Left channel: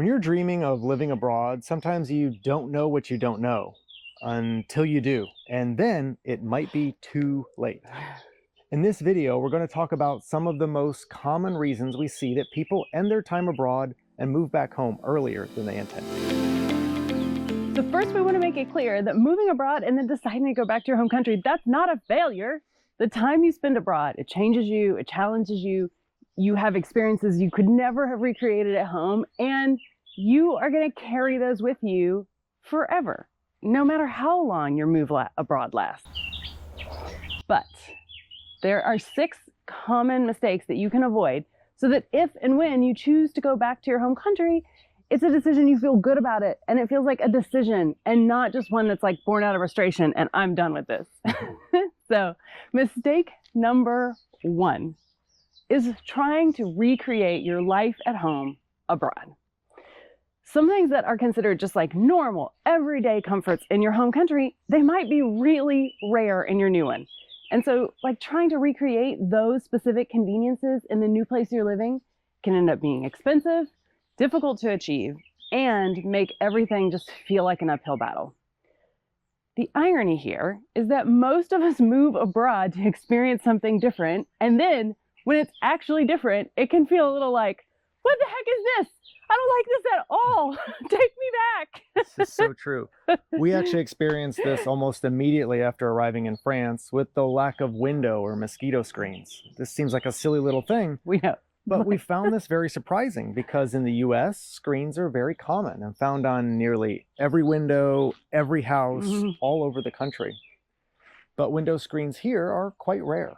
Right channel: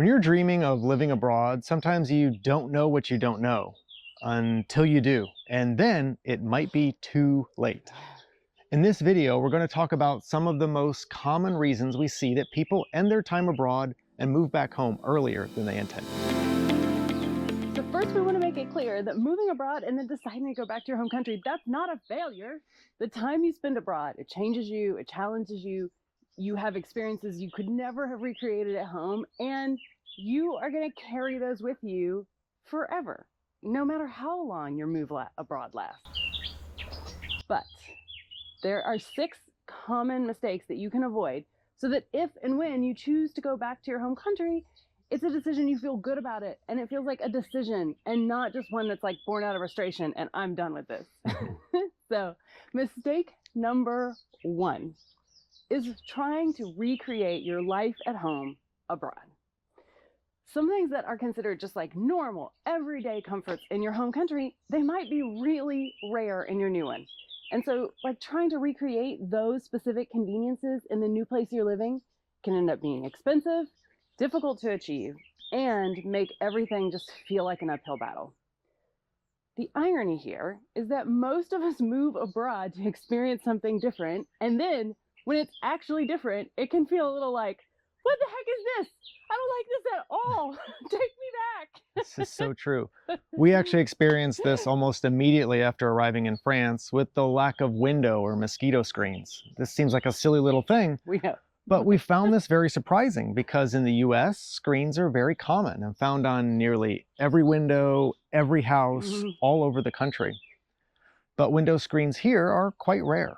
When you're dreaming of living abroad, sometimes you don't know what you don't know until you do, and then it might be too late. In this video, we're going to talk about some of the most common reasons we see that people end their time abroad and move back home earlier than they intended. So first, we want to make it clear that moving abroad and then deciding to go back to your home country, that's not a failure. The time you spend abroad, it changes you, it challenges you, you have experiences you could never have recreated at home, and you are going to carry those with you forever, no matter how long your move abroad lasts. But there are 6 common mistakes that you can avoid so that if and when you choose to go back to your home country, it's a decision you feel good about it, and it feels like a decision and not just one that's like born out of frustration and I'm done with this. So mistake number 1 is trying to recreate your life at home abroad. Some things that are considered just like normal, everyday comforts in your home country, they might be really rare in your new one. And so like trying to recreate those specific conveniences in the new place you're living can end up being expensive, difficult to achieve, and make everything just feel like an uphill battle. The irony here is that most of us move abroad to experience something different, and then when it's actually different, it can feel a little like, what the heck is this? I don't like this at all. Take me back. This is so true. We actually experienced this almost immediately after arriving in France with the lack of window or mosquito screens. This seems like a silly little thing. We know. But we found this very surprising because in the US, screens are very common and found on nearly every window, every house, all over the country. But window screens here are quite rare.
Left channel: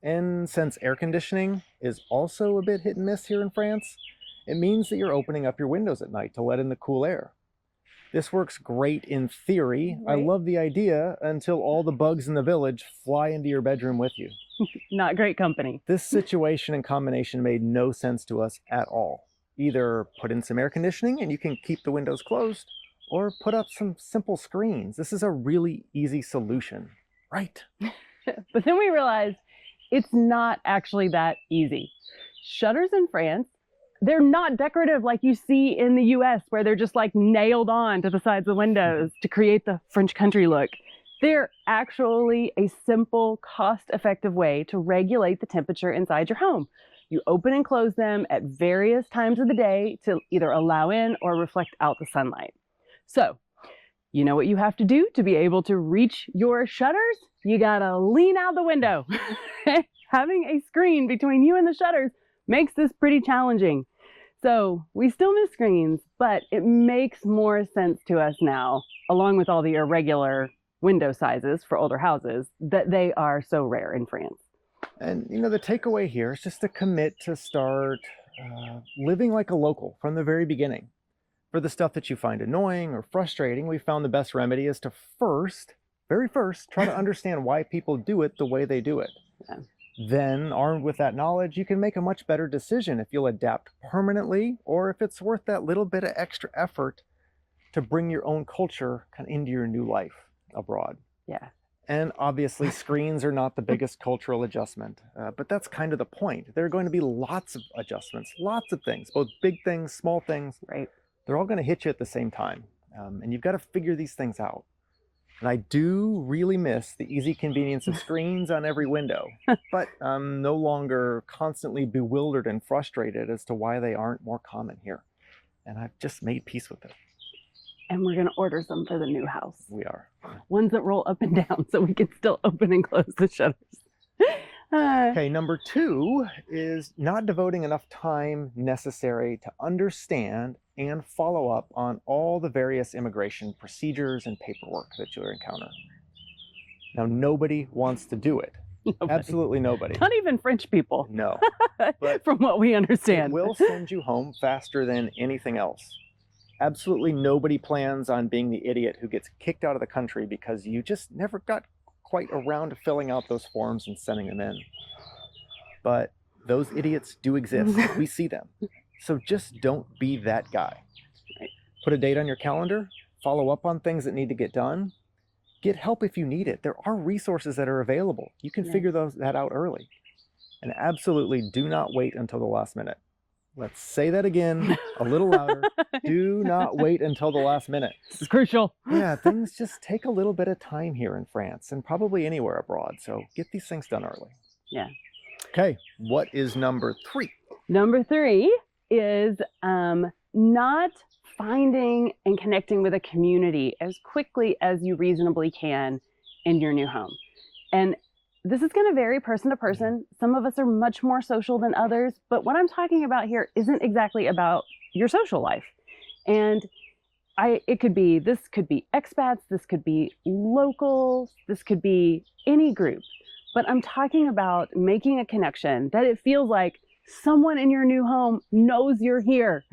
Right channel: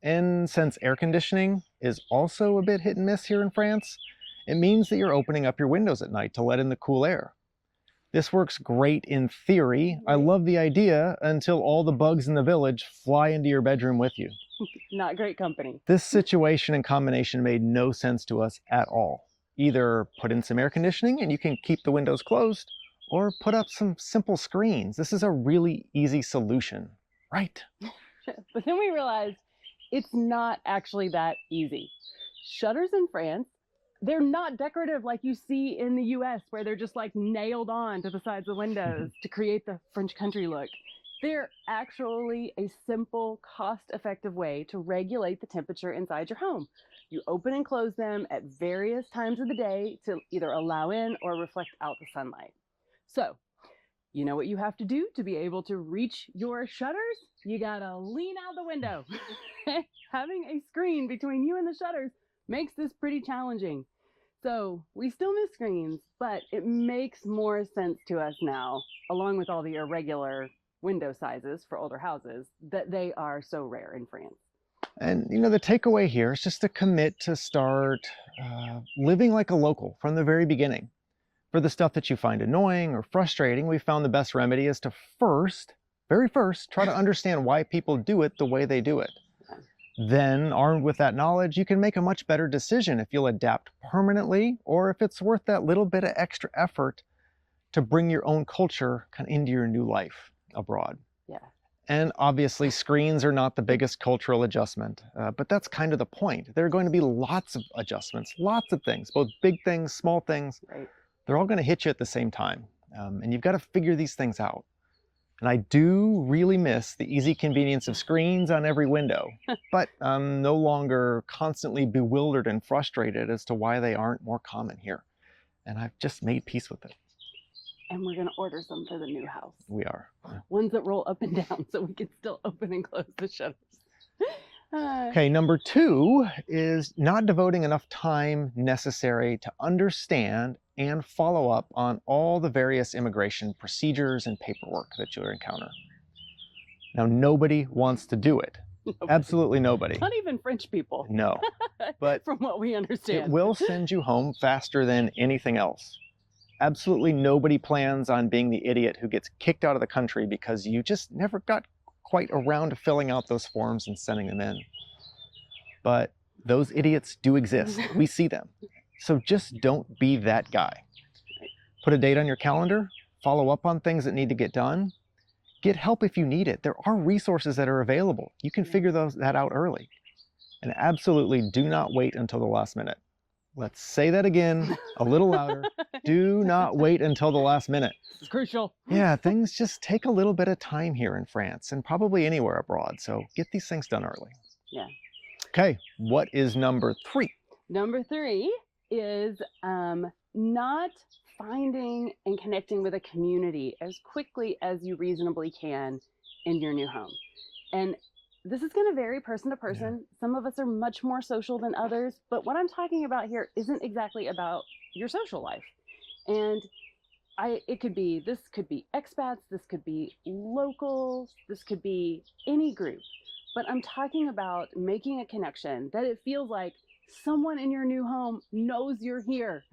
And since air conditioning is also a bit hit and miss here in France, it means that you're opening up your windows at night to let in the cool air. This works great in theory. Right. I love the idea until all the bugs in the village fly into your bedroom with you. Not great company. This situation and combination made no sense to us at all. Either put in some air conditioning and you can keep the windows closed, or put up some simple screens. This is a really easy solution, right? But then we realized it's not actually that easy. Shutters in France, they're not decorative like you see in the US, where they're just like nailed on to the sides of the windows to create the French country look. They're actually a simple, cost-effective way to regulate the temperature inside your home. You open and close them at various times of the day to either allow in or reflect out the sunlight. So, you know what you have to do to be able to reach your shutters? You gotta lean out the window. Having a screen between you and the shutters makes this pretty challenging. So we still miss screens, but it makes more sense to us now, along with all the irregular window sizes for older houses, that they are so rare in France. And you know, the takeaway here is just to commit to start living like a local from the very beginning. For the stuff that you find annoying or frustrating, we found the best remedy is to very first, try to understand why people do it the way they do it. Yeah. Then, armed with that knowledge, you can make a much better decision if you'll adapt permanently or if it's worth that little bit of extra effort to bring your own culture kind of into your new life abroad. Yeah. And obviously, screens are not the biggest cultural adjustment, but that's kind of the point. There are going to be lots of adjustments, lots of things, both big things, small things. Right. They're all going to hit you at the same time, and you've got to figure these things out. And I do really miss the easy convenience of screens on every window, but I'm no longer constantly bewildered and frustrated as to why they aren't more common here. And I've just made peace with it. And we're going to order some for the new house. We are. Ones that roll up and down so we can still open and close the shutters. Okay, number 2 is not devoting enough time necessary to understand and follow up on all the various immigration procedures and paperwork that you'll encounter. Now, nobody wants to do it. Nobody. Absolutely nobody. Not even French people. No. But from what we understand. It will send you home faster than anything else. Absolutely nobody plans on being the idiot who gets kicked out of the country because you just never got quite around to filling out those forms and sending them in. But those idiots do exist. We see them. So just don't be that guy. Put a date on your calendar, follow up on things that need to get done, get help if you need it. There are resources that are available. You can figure that out early. And absolutely do not wait until the last minute. Let's say that again a little louder. Do not wait until the last minute. This is crucial. Yeah, things just take a little bit of time here in France and probably anywhere abroad. So get these things done early. Yeah. Okay, what is number 3? Number 3 is not finding and connecting with a community as quickly as you reasonably can in your new home. And this is going to vary person to person. Some of us are much more social than others, but what I'm talking about here isn't exactly about your social life. And this could be expats, this could be locals, this could be any group. But I'm talking about making a connection that it feels like someone in your new home knows you're here.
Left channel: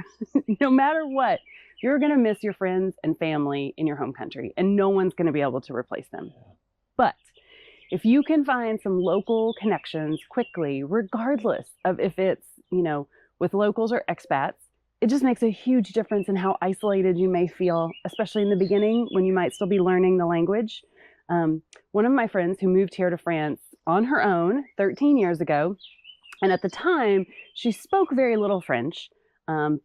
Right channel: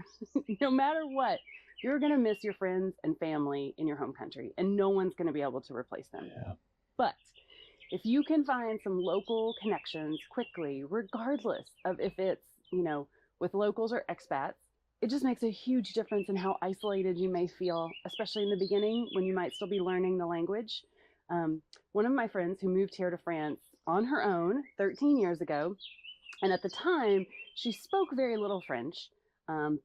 No matter what, you're going to miss your friends and family in your home country, and no one's going to be able to replace them. Yeah. But if you can find some local connections quickly, regardless of if it's, with locals or expats, it just makes a huge difference in how isolated you may feel, especially in the beginning when you might still be learning the language. One of my friends who moved here to France on her own 13 years ago, and at the time, she spoke very little French,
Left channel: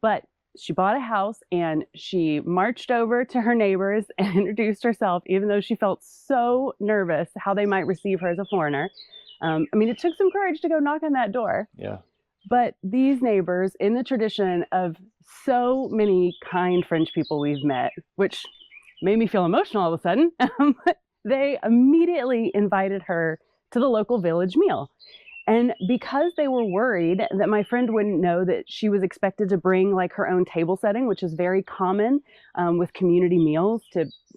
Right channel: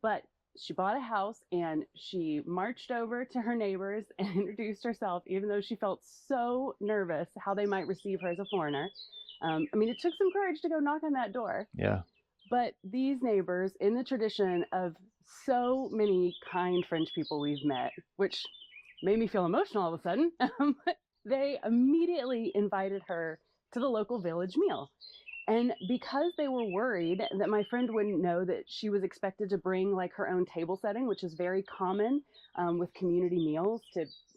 but she bought a house and she marched over to her neighbors and introduced herself, even though she felt so nervous how they might receive her as a foreigner. It took some courage to go knock on that door. Yeah. But these neighbors, in the tradition of so many kind French people we've met, which made me feel emotional all of a sudden, they immediately invited her to the local village meal. And because they were worried that my friend wouldn't know that she was expected to bring like her own table setting, which is very common with community meals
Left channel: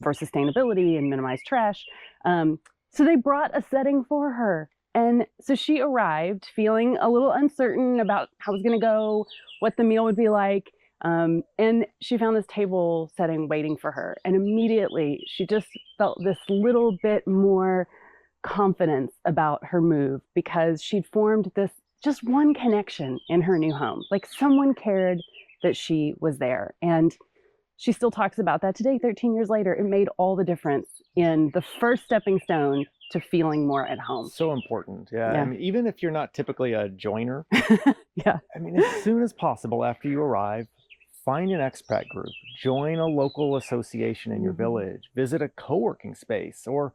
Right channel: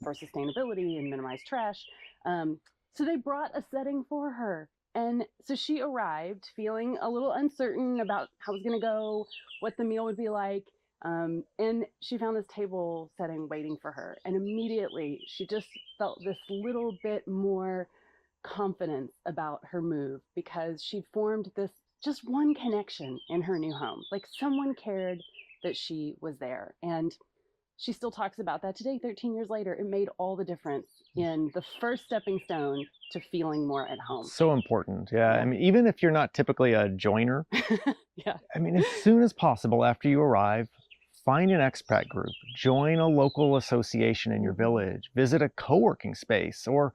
for sustainability and minimize trash. So they brought a setting for her. And so she arrived feeling a little uncertain about how it was going to go, what the meal would be like. And she found this table setting waiting for her. And immediately she just felt this little bit more confidence about her move because she'd formed this just one connection in her new home. Like someone cared that she was there. And she still talks about that today, 13 years later. It made all the difference in the first stepping stone to feeling more at home. So important. Yeah. Even if you're not typically a joiner, yeah. As soon as possible after you arrive, find an expat group, join a local association in your village, visit a co-working space, or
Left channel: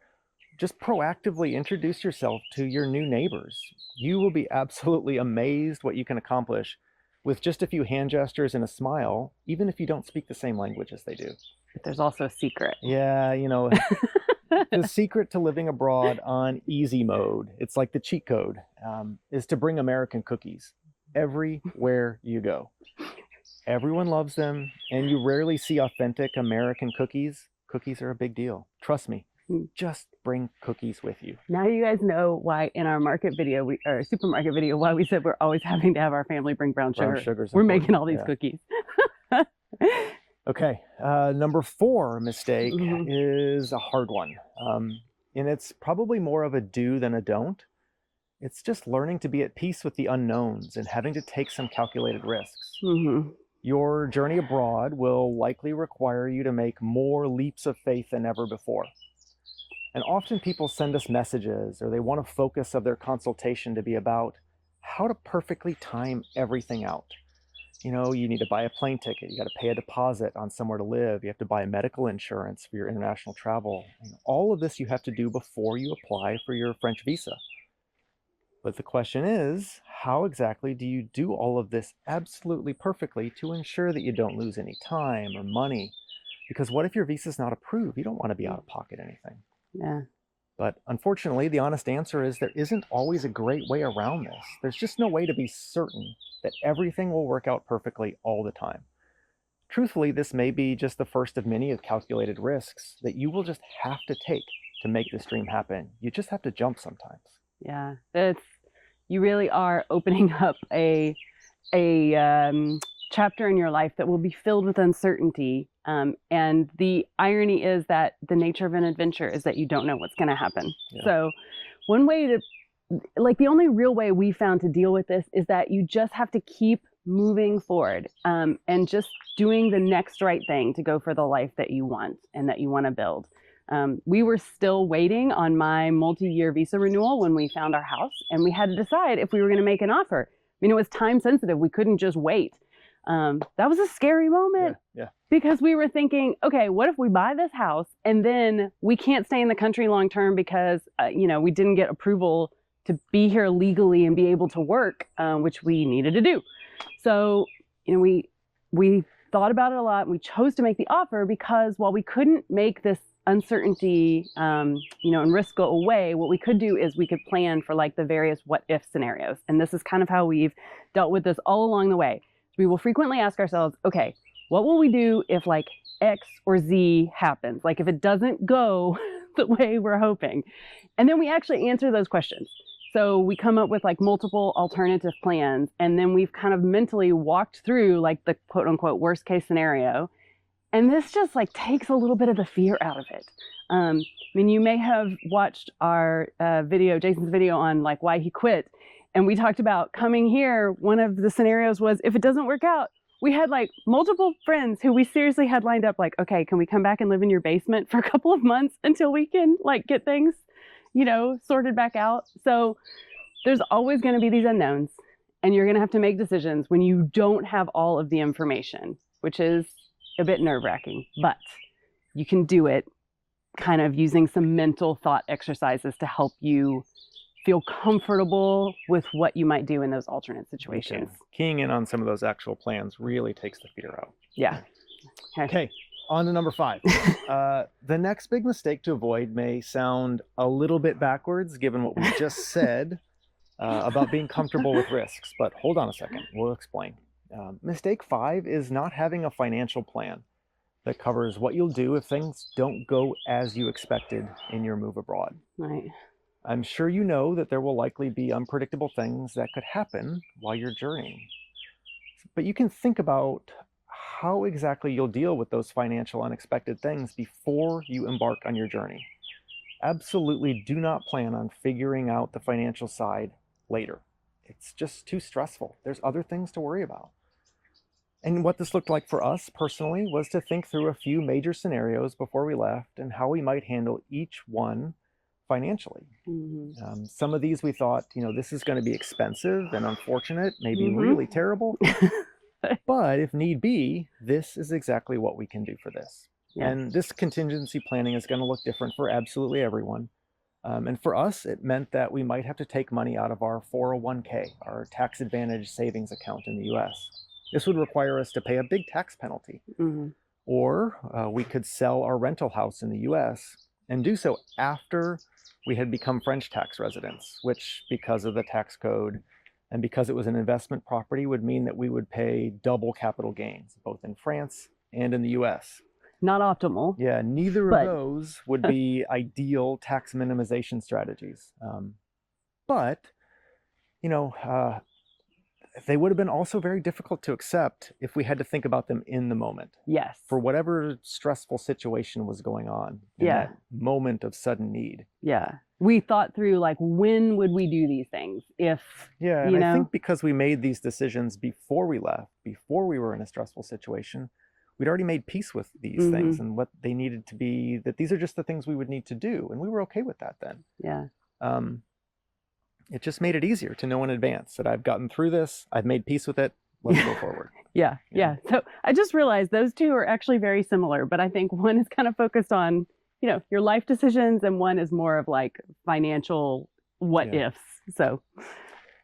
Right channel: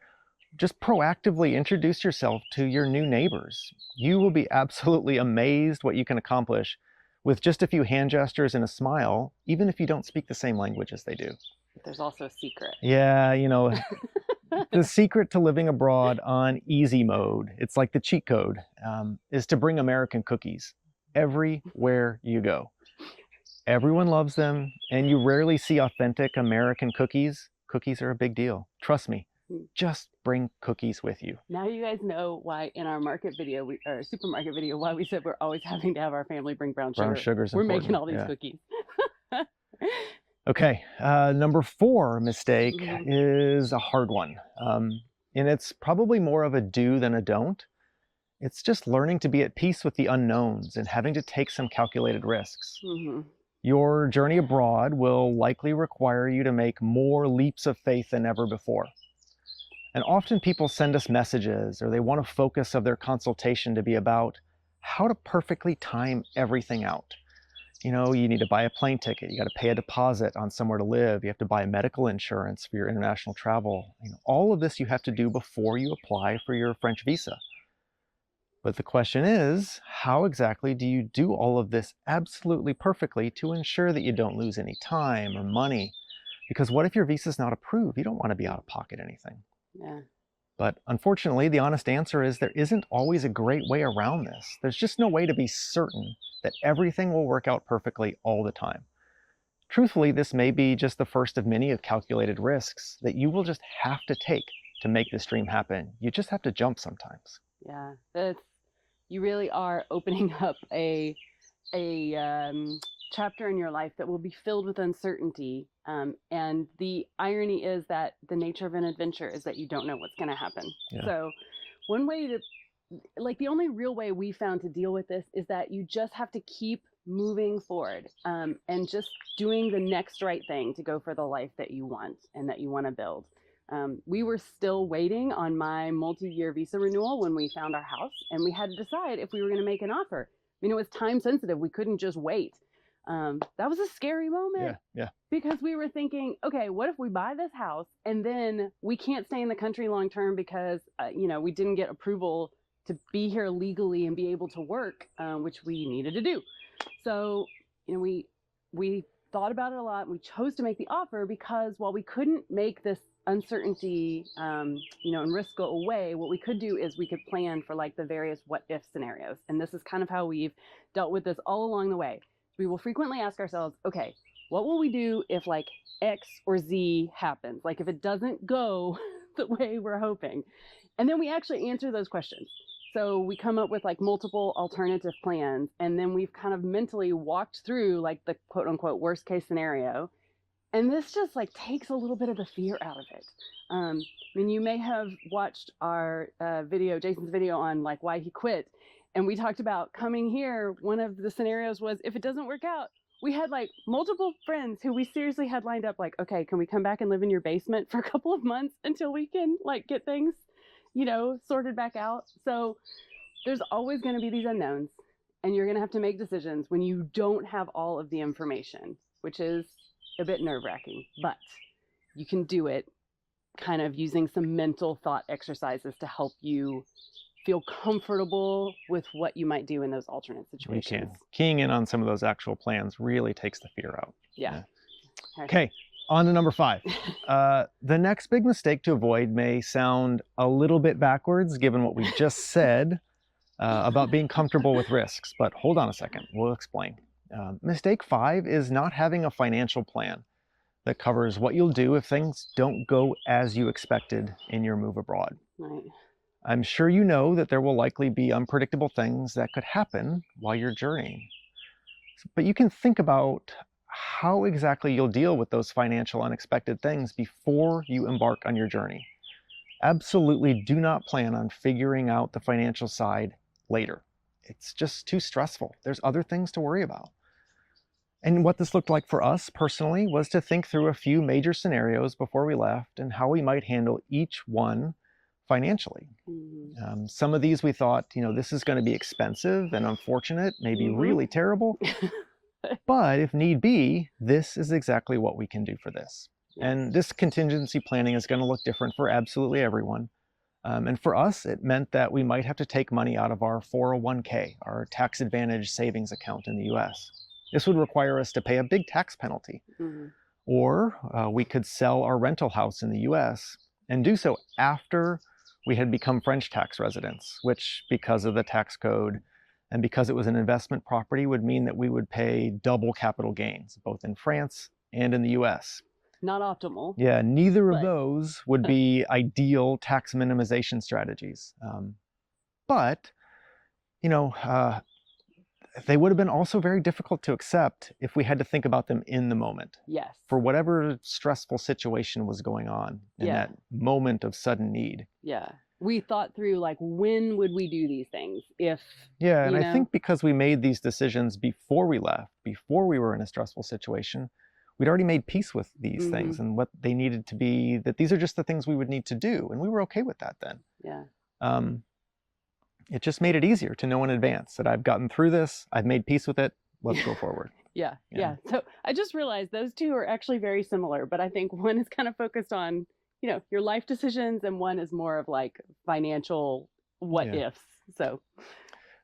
just proactively introduce yourself to your new neighbors. You will be absolutely amazed what you can accomplish with just a few hand gestures and a smile, even if you don't speak the same language as they do. But there's also a secret. Yeah, the secret to living abroad on easy mode, it's like the cheat code, is to bring American cookies everywhere you go. Everyone loves them, and you rarely see authentic American cookies. Cookies are a big deal. Trust me. Just bring cookies with you. Now you guys know why in our market video, our supermarket video, why we said we're always having to have our family bring brown sugar. Brown sugar's we're important. making all these cookies. Okay, number 4 mistake is a hard one. And it's probably more of a do than a don't. It's just learning to be at peace with the unknowns and having to take some calculated risks. Your journey abroad will likely require you to make more leaps of faith than ever before. And often people send us messages or they want a focus of their consultation to be about how to perfectly time everything out. You need to buy a plane ticket, you got to pay a deposit on somewhere to live, you have to buy medical insurance for your international travel. All of this you have to do before you apply for your French visa. But the question is, how exactly do you do all of this absolutely perfectly to ensure that you don't lose any time or money? Because what if your visa's not approved? You don't want to be out of pocket anything. Yeah. But unfortunately, the honest answer is there isn't always a great way around this. There's just no way to be certain that everything will work out perfectly all the time. Truthfully, this may be just the first of many of calculated risks that you will just have to take to make this dream happen. You just have to jump sometimes. Yeah, you really are opening up a chapter in your life that will be filled with uncertainty. And the irony is that the nature of an adventure is that you don't know what's going to happen. Yeah. So one way the only real way we found to deal with this is that you just have to keep moving forward and just doing the next right thing to go for the life that you want and that you want to build. We were still waiting on my multi-year visa renewal when we found our house, and we had to decide if we were going to make an offer. mean, it was time sensitive. We couldn't just wait. That was a scary moment. Yeah. Because we were thinking, okay, what if we buy this house and then we can't stay in the country long term because, we didn't get approval to be here legally and be able to work, which we needed to do. So, we thought about it a lot, and we chose to make the offer because while we couldn't make this uncertainty, and risk go away, what we could do is we could plan for like the various what if scenarios. And this is kind of how we've dealt with this all along the way. We will frequently ask ourselves, okay, what will we do if like X or Z happens? Like if it doesn't go the way we're hoping. And then we actually answer those questions. So we come up with like multiple alternative plans, and then we've kind of mentally walked through like the quote unquote worst case scenario. And this just like takes a little bit of the fear out of it. I mean, you may have watched our Jason's video on like why he quit. And we talked about coming here. One of the scenarios was if it doesn't work out, we had like multiple friends who we seriously had lined up like, okay, can we come back and live in your basement for a couple of months until we can like get things, sorted back out. So there's always going to be these unknowns, and you're going to have to make decisions when you don't have all of the information, which is a bit nerve-wracking, but you can do it kind of using some mental thought exercises to help you feel comfortable with what you might do in those alternate situations. Okay. Keying in on some of those actual plans really takes the fear out. Yeah. Okay. On to number 5. The next big mistake to avoid may sound a little bit backwards given what we just said about being comfortable with risks, but hold on a second. We'll explain. Mistake 5 is not having a financial plan that covers what you'll do if things don't go as you expected in your move abroad. Right. I'm sure you know that there will likely be unpredictable things that could happen while you're journeying. But you can think about how exactly you'll deal with those financial unexpected things before you embark on your journey. Absolutely do not plan on figuring out the financial side later. It's just too stressful. There's other things to worry about. And what this looked like for us personally was to think through a few major scenarios before we left and how we might handle each one financially. Mm-hmm. Some of these we thought, this is going to be expensive and unfortunate, maybe really terrible. But if need be, this is exactly what we can do for this. Yeah. And this contingency planning is going to look different for absolutely everyone. And for us, it meant that we might have to take money out of our 401k, our tax advantage savings account in the US. This would require us to pay a big tax penalty. Mm-hmm. Or we could sell our rental house in the US and do so after we had become French tax residents, which because of the tax code and because it was an investment property would mean that we would pay double capital gains, both in France and in the US. Not optimal. Yeah, neither of those would be ideal tax minimization strategies. But they would have been also very difficult to accept if we had to think about them in the moment. Yes. For whatever stressful situation was going on in that moment of sudden need. Yeah. We thought through like, when would we do these things if, and I think because we made these decisions before we left, before we were in a stressful situation, we'd already made peace with these things and what they needed to be, that these are just the things we would need to do. And we were okay with that then. Yeah. It just made it easier to know in advance that I've gotten through this, I've made peace with it, let's go forward. Yeah. So I just realized those two are actually very similar, but I think one is kind of focused on, your life decisions, and one is more of like financial what ifs. So.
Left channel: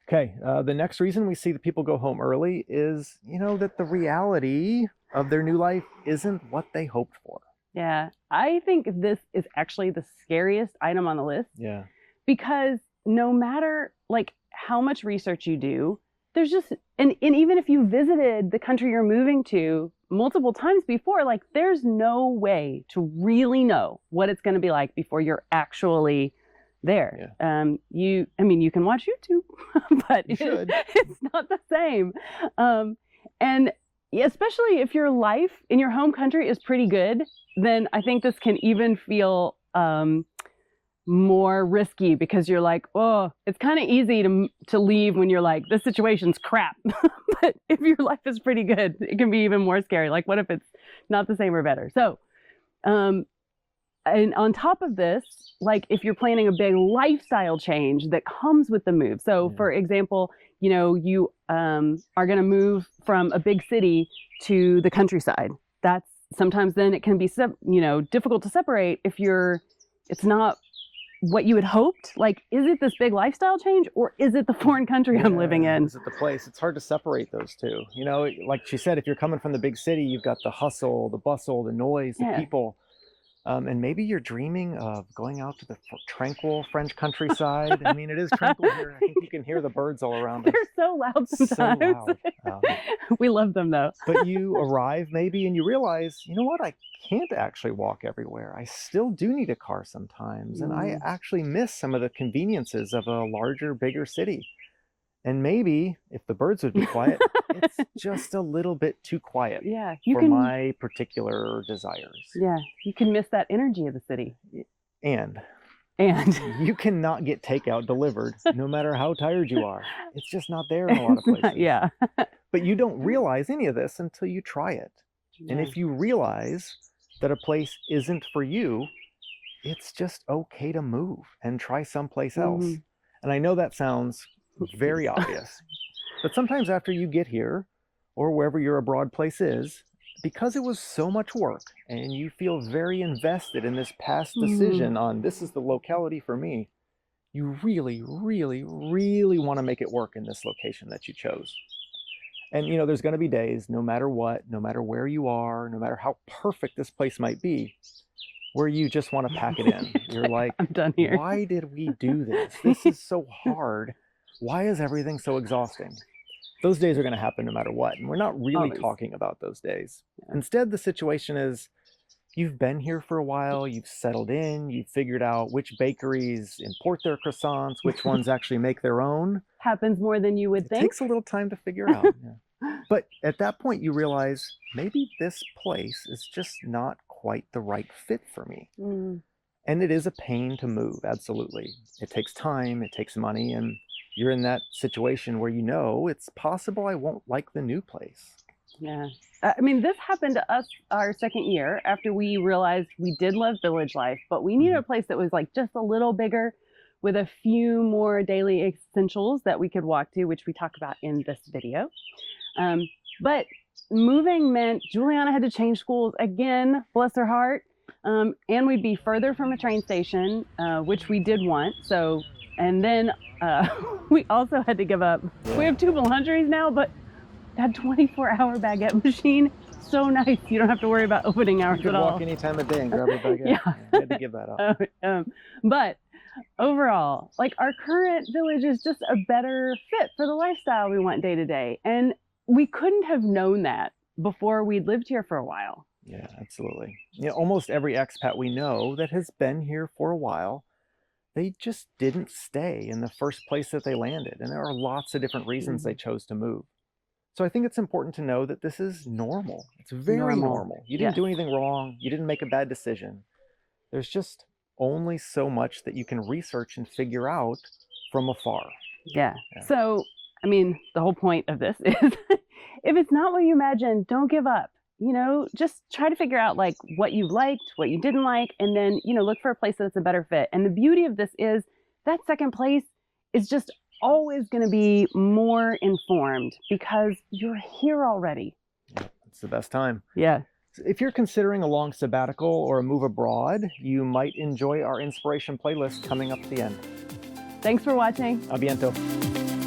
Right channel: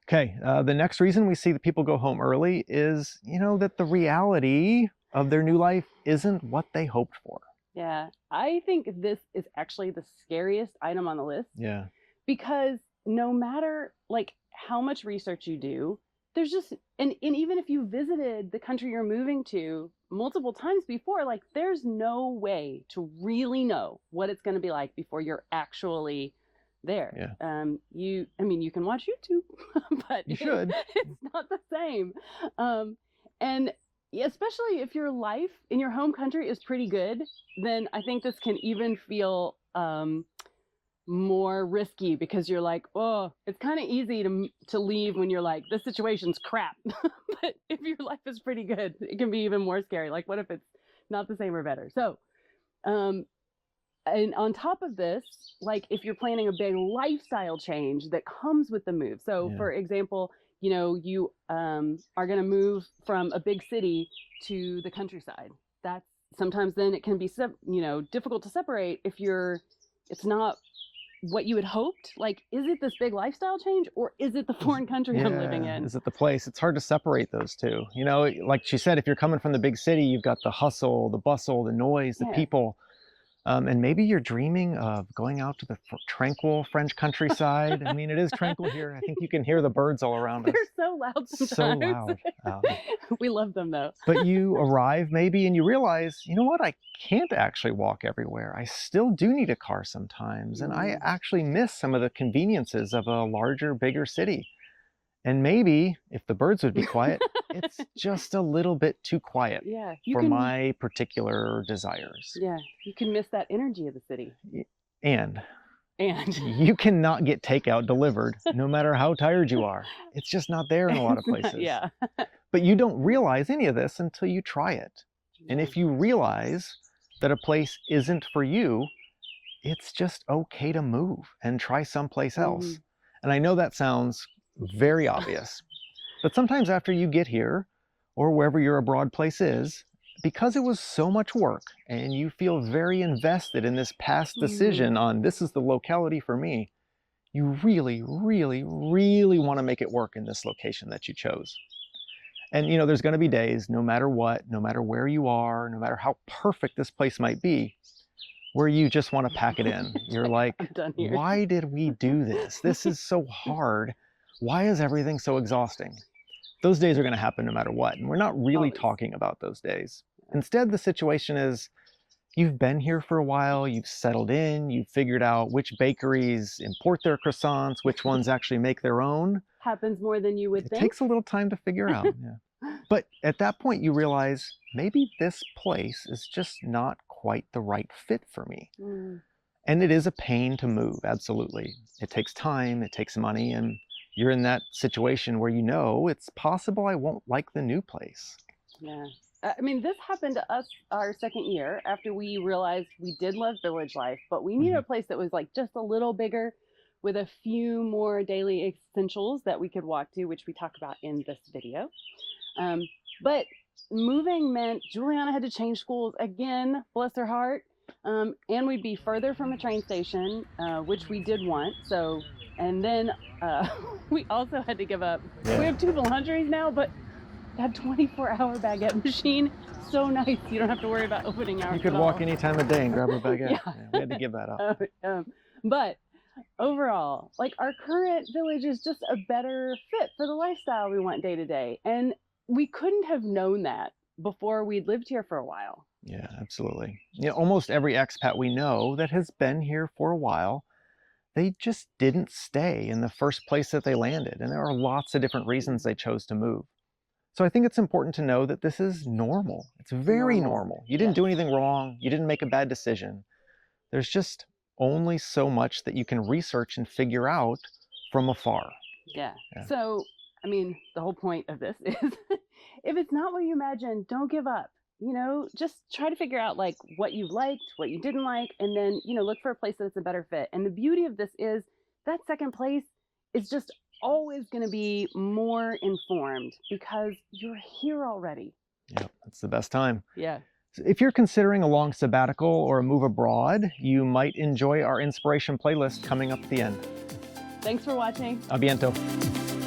Okay. The next reason we see that people go home early is, that the reality of their new life isn't what they hoped for. Yeah. I think this is actually the scariest item on the list. Yeah. Because no matter like how much research you do, there's just, and even if you visited the country you're moving to multiple times before, like there's no way to really know what it's going to be like before you're actually there. Yeah. You can watch YouTube, but it's not the same. And especially if your life in your home country is pretty good, then I think this can even feel more risky, because you're like, oh, it's kind of easy to leave when you're like, this situation's crap. But if your life is pretty good, it can be even more scary. Like, what if it's not the same or better? So, and on top of this, like if you're planning a big lifestyle change that comes with the move. So for example, you know, you are going to move from a big city to the countryside. That's sometimes then it can be, you know, difficult to separate if it's not what you had hoped. Like, is it this big lifestyle change, or is it the foreign country I'm living in? Is it the place? It's hard to separate those two. You know, like she said, if you're coming from the big city, you've got the hustle, the bustle, the noise, the people. And maybe you're dreaming of going out to the tranquil French countryside. I mean, it is tranquil here. I think you can hear the birds all around us. They're so loud sometimes. So loud. We love them though. But you arrive maybe and you realize, you know what? I can't actually walk everywhere. I still do need a car sometimes. And I actually miss some of the conveniences of a larger, bigger city. And maybe if the birds would be quiet, it's just a little bit too quiet for my particular desires. Yeah, you can miss that energy of the city. And you cannot get takeout delivered no matter how tired you are. It's just not there in a lot of places. Yeah. But you don't realize any of this until you try it. And if you realize that a place isn't for you, it's just okay to move and try someplace else. And I know that sounds very obvious, but sometimes after you get here, or wherever your abroad place is, because it was so much work and you feel very invested in this past decision on this is the locality for me, you really, really, really want to make it work in this location that you chose. And you know, there's going to be days, no matter what, no matter where you are, no matter how perfect this place might be, where you just want to pack it in. You're like, I'm done here. Why did we do this? This is so hard. Why is everything so exhausting? Those days are going to happen no matter what. And we're not really talking about those days. Instead, the situation is you've been here for a while, you've settled in, you've figured out which bakeries import their croissants, which ones actually make their own. Happens more than you would think. It takes a little time to figure out. But at that point, you realize maybe this place is just not quite the right fit for me. And it is a pain to move, absolutely. It takes time, it takes money, and you're in that situation where you know it's possible I won't like the new place. Yeah. I mean, this happened to us our second year after we realized we did love village life, but we needed a place that was like just a little bigger with a few more daily essentials that we could walk to, which we talk about in this video. But moving meant Juliana had to change schools again, bless her heart. And we'd be further from a train station, which we did want. So, and then we also had to give up. We have 2 boulangeries now, but that 24-hour baguette machine, so nice. You don't have to worry about opening hours at all. You can walk any time of day and grab a baguette. We had to give that up. But overall, like, our current village is just a better fit for the lifestyle we want day to day. And we couldn't have known that before we'd lived here for a while. Yeah, absolutely. You know, almost every expat we know that has been here for a while, they just didn't stay in the first place that they landed. And there are lots of different reasons they chose to move. So I think it's important to know that this is normal. It's very normal. You didn't do anything wrong. You didn't make a bad decision. There's just only so much that you can research and figure out from afar. Yeah. So, I mean, the whole point of this is if it's not what you imagine, don't give up. You know, just try to figure out like what you liked, what you didn't like, and then, you know, look for a place that's a better fit. And the beauty of this is that second place is just always going to be more informed because you're here already. Yeah, it's the best time. Yeah. If you're considering a long sabbatical or a move abroad, you might enjoy our inspiration playlist coming up at the end. Thanks for watching. A biento.